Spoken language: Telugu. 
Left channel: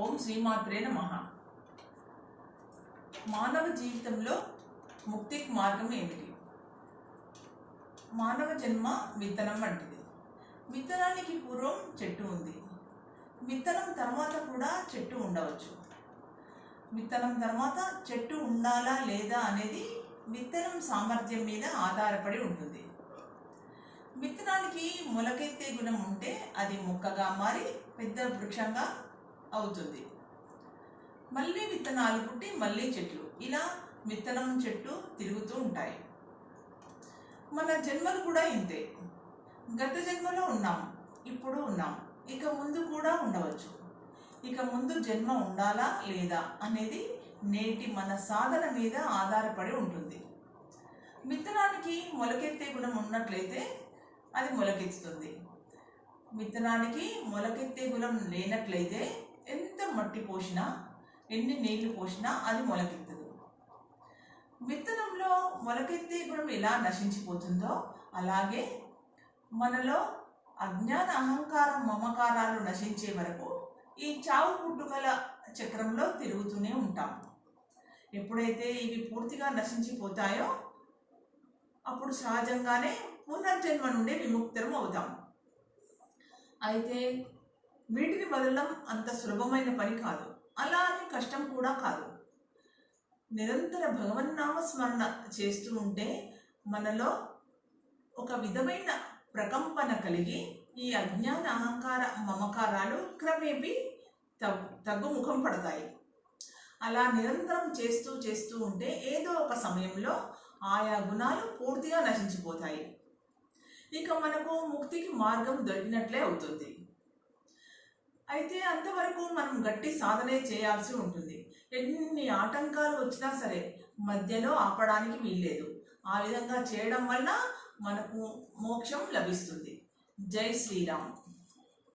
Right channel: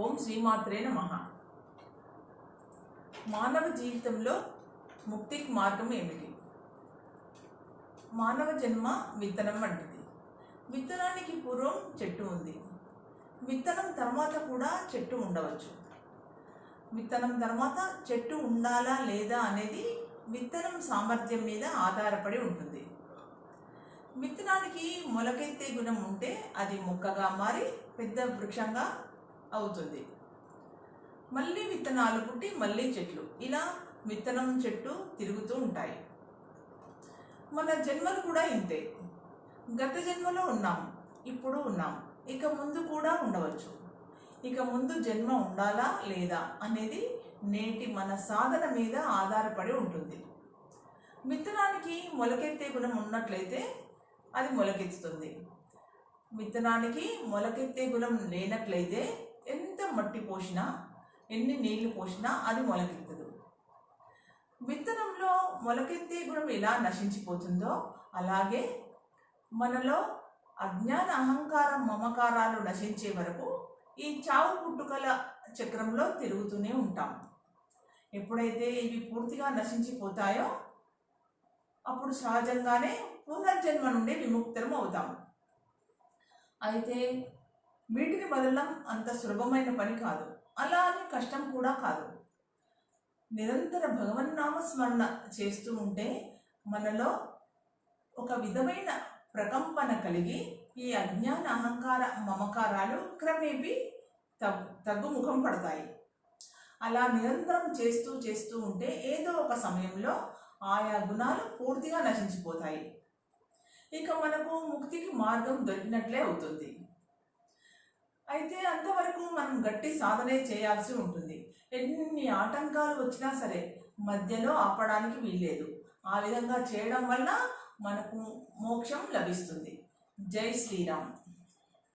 ఓం శ్రీమాత్రే నమః. మానవ జీవితంలో ముక్తికి మార్గం ఏమిటి? మానవ జన్మ విత్తనం వంటిది. విత్తనానికి పూర్వం చెట్టు ఉంది. విత్తనం తర్వాత కూడా చెట్టు ఉండవచ్చు. విత్తనం తర్వాత చెట్టు ఉండాలా లేదా అనేది విత్తనం సామర్థ్యం మీద ఆధారపడి ఉంటుంది. విత్తనానికి మొలకెత్తే గుణం ఉంటే అది మొక్కగా మారి పెద్ద వృక్షంగా అవుతుంది. మళ్ళీ విత్తనాలు పుట్టి మళ్ళీ చెట్లు, ఇలా విత్తనం చెట్టు తిరుగుతూ ఉంటాయి. మన జన్మలు కూడా ఇంతే. గత జన్మలో ఉన్నాం, ఇప్పుడు ఉన్నాం, ఇక ముందు కూడా ఉండవచ్చు. ఇక ముందు జన్మ ఉండాలా లేదా అనేది నేటి మన సాధన మీద ఆధారపడి ఉంటుంది. విత్తనానికి మొలకెత్తే గుణం ఉన్నట్లయితే అది మొలకెత్తుతుంది. విత్తనానికి మొలకెత్తే గుణం లేనట్లయితే ఎంత మట్టి పోసినా ఎన్ని నీళ్లు పోసినా అది మొలకెత్తదు. విత్తనంలో మొలకెత్తే గుణం ఎలా నశించిపోతుందో అలాగే మనలో అజ్ఞాన అహంకారం మమకారాలు నశించే వరకు ఈ చావు పుట్టుకల చక్రంలో తిరుగుతూనే ఉంటాం. ఎప్పుడైతే ఇవి పూర్తిగా నశించిపోతాయో అప్పుడు సహజంగానే పునర్జన్మ నుండి విముక్తం అవుతాం. అయితే వీటిని వదలడం అంత సులభమైన పని కాదు, అలా అని కష్టం కూడా కాదు. నిరంతర భగవన్నామ స్మరణ చేస్తూ ఉంటే మనలో ఒక విధమైన ప్రకంపన కలిగి ఈ అజ్ఞాన అహంకార మమకారాలు క్రమేపీ తగ్గుముఖం పడతాయి. అలా నిరంతరం చేస్తూ చేస్తూ ఉంటే ఏదో ఒక సమయంలో ఆయా గుణాలు పూర్తిగా నశించిపోతాయి. ఇక మనకు ముక్తికి మార్గం దొరికినట్లే అవుతుంది. అయితే అంతవరకు మనం గట్టి సాధనే చేయాల్సి ఉంటుంది. ఎన్ని ఆటంకాలు వచ్చినా సరే మధ్యలో ఆపడానికి వీల్లేదు. ఆ విధంగా చేయడం వల్ల మనకు మోక్షం లభిస్తుంది. జై శ్రీరామ్.